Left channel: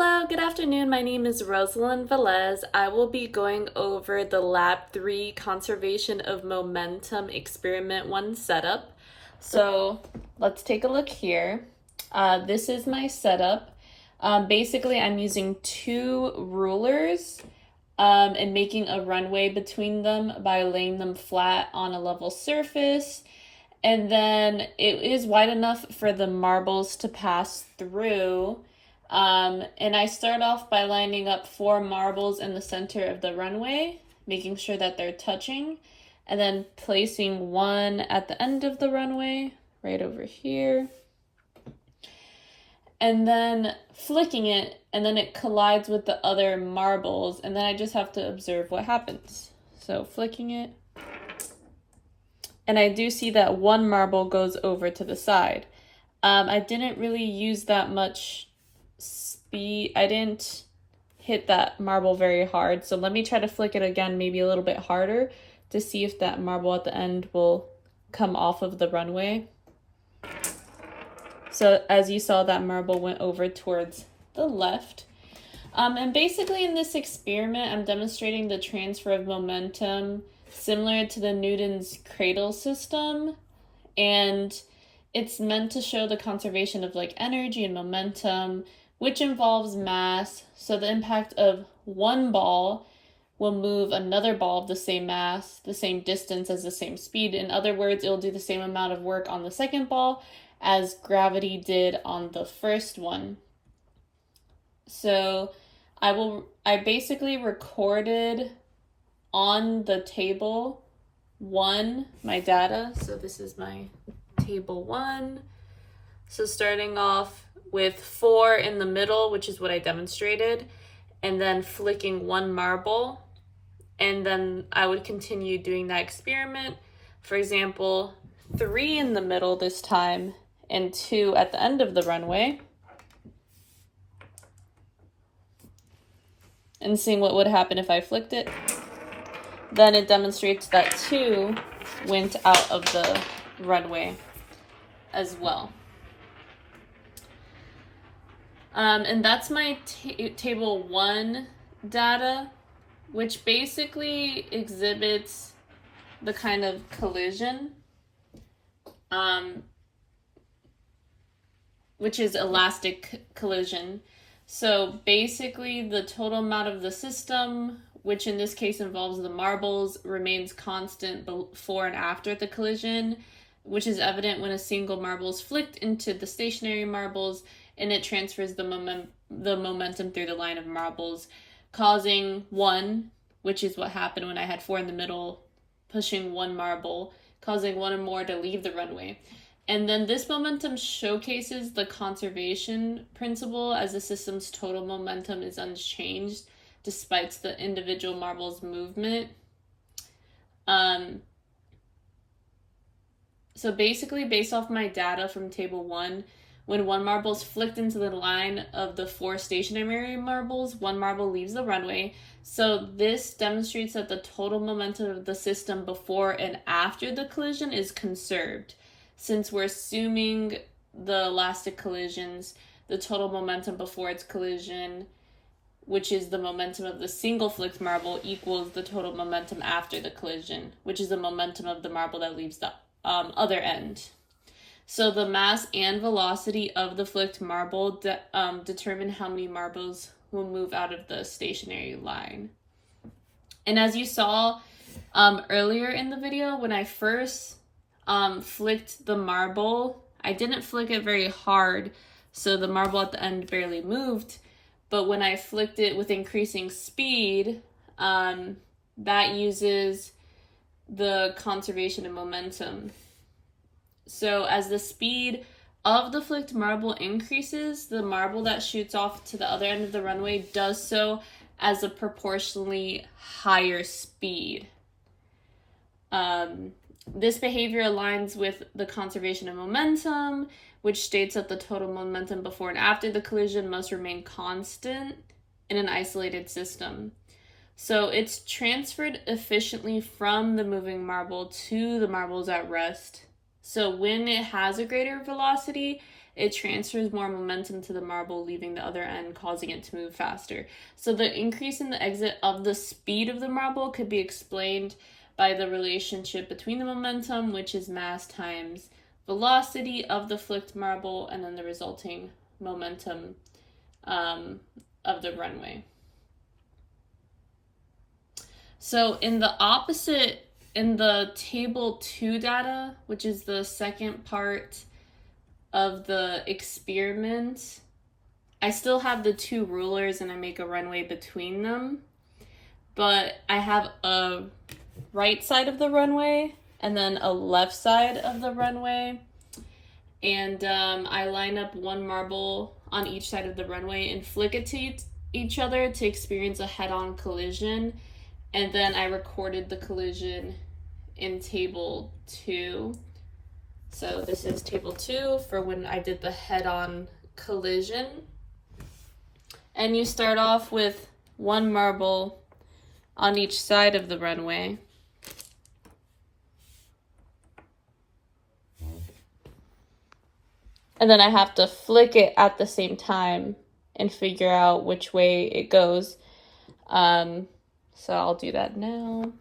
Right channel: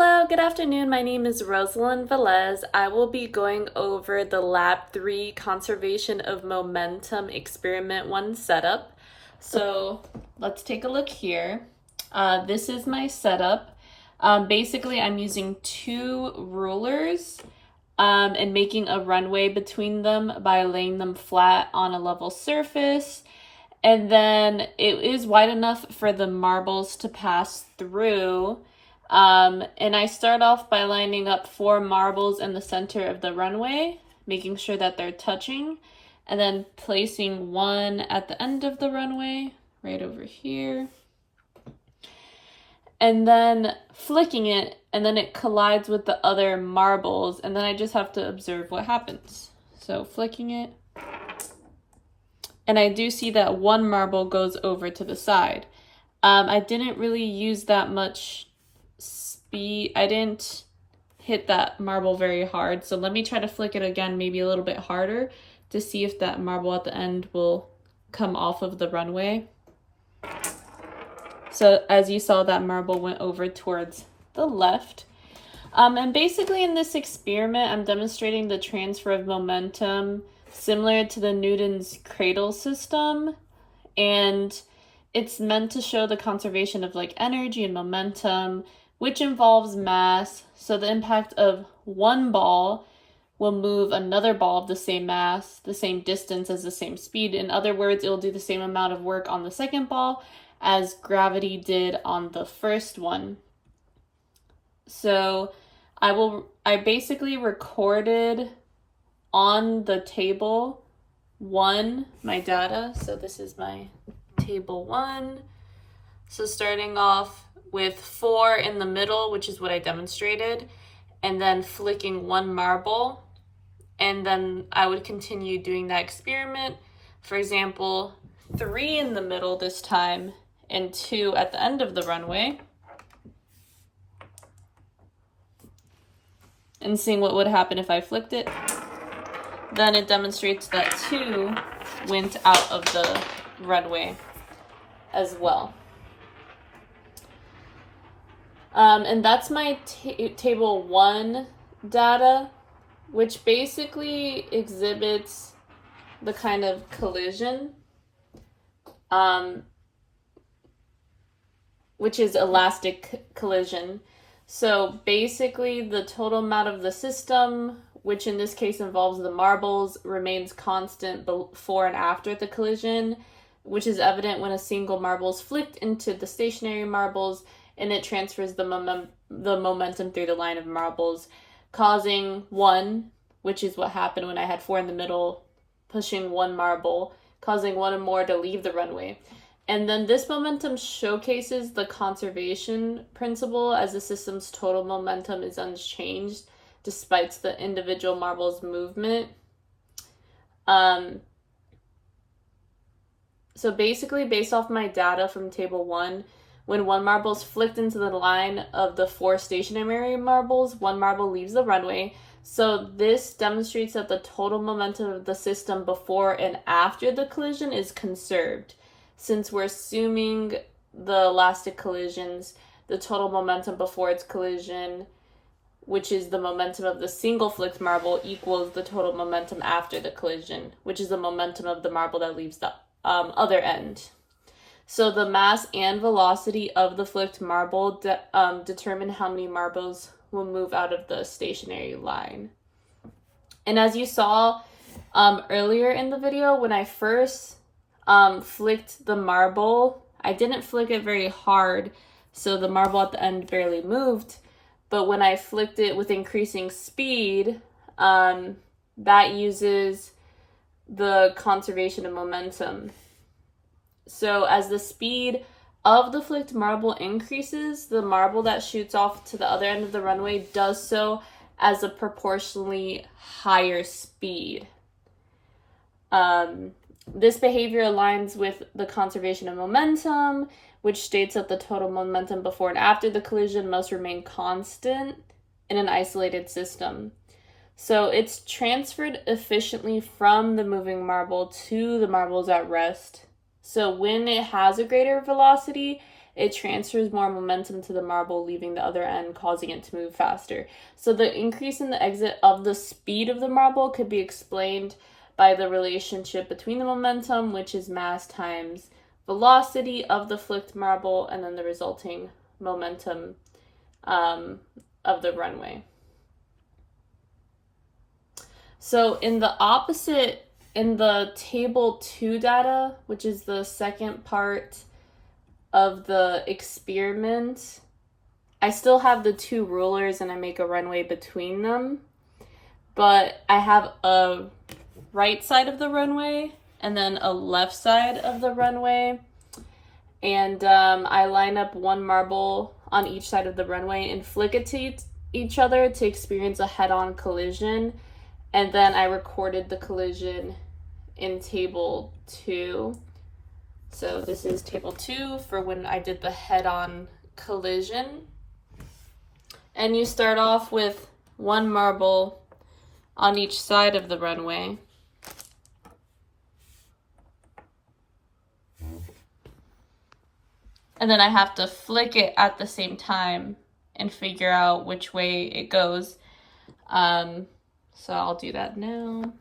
Hello, good afternoon. My name is Rosalind Velez. I will be going over the Lab 3 Conservation of Momentum Experiment 1 setup. So let's take a look here. This is my setup. Basically, I'm using two rulers and making a runway between them by laying them flat on a level surface. And then it is wide enough for the marbles to pass through. And I start off by lining up 4 marbles in the center of the runway, making sure that they're touching, and then placing one at the end of the runway, right over here, and then flicking it, and then it collides with the other marbles, and then I just have to observe what happens. So flicking it, and I do see that one marble goes over to the side. I didn't really use that much speed. I didn't hit that marble very hard, so let me try to flick it again, maybe a little bit harder, to see if that marble at the end will come off of the runway. So as you saw, that marble went over towards the left. And basically in this experiment, I'm demonstrating the transfer of momentum similar to the Newton's cradle system, and it's meant to show the conservation of energy and momentum, which involves mass. So the impact of one ball will move another ball of the same mass, the same distance, as the same speed. In other words, it will do the same amount of work on the second ball as gravity did on the first one. So I basically recorded on the table 1 my data. So this is my table 1. So starting off with 4 in the middle, which is what I demonstrated, and then flicking 1 marble, and then I would continue doing that experiment. For example, 3 in the middle this time, and 2 at the end of the runway, and seeing what would happen if I flicked it. Then it demonstrates that 2 went out of the runway as well. And that's my table 1 data, which basically exhibits the kind of collision, which is elastic collision. So basically the total amount of the system, which in this case involves the marbles, remains constant before and after the collision, which is evident when a single marble is flicked into the stationary marbles, and it transfers the momentum through the line of marbles, causing 1, which is what happened when I had 4 in the middle, pushing 1 marble, causing 1 or more to leave the runway. And then this momentum showcases the conservation principle, as the system's total momentum is unchanged despite the individual marble's movement. So basically, based off my data from table 1, when 1 marble is flicked into the line of the 4 stationary marbles, 1 marble leaves the runway. So this demonstrates that the total momentum of the system before and after the collision is conserved. Since we're assuming the elastic collisions, the total momentum before its collision, which is the momentum of the single flicked marble, equals the total momentum after the collision, which is the momentum of the marble that leaves the other end. So the mass and velocity of the flicked marble determine how many marbles will move out of the stationary line. And as you saw earlier in the video, when I first flicked the marble, I didn't flick it very hard, so the marble at the end barely moved. But when I flicked it with increasing speed, that uses the conservation of momentum. So as the speed of the flicked marble increases, the marble that shoots off to the other end of the runway does so as a proportionally higher speed. This behavior aligns with the conservation of momentum, which states that the total momentum before and after the collision must remain constant in an isolated system. So it's transferred efficiently from the moving marble to the marbles at rest. So when it has a greater velocity, it transfers more momentum to the marble, leaving the other end, causing it to move faster. So the increase in the exit of the speed of the marble could be explained by the relationship between the momentum, which is mass times velocity of the flicked marble, and then the resulting momentum of the runway. So in the table 2 data, which is the second part of the experiment, I still have the 2 rulers and I make a runway between them, but I have a right side of the runway and then a left side of the runway, and I line up 1 marble on each side of the runway and flick it to each other to experience a head-on collision, and then I recorded the collision in table 2. So this is table 2 for when I did the head-on collision. And you start off with 1 marble on each side of the runway. And then I have to flick it at the same time and figure out which way it goes. So I'll do that now.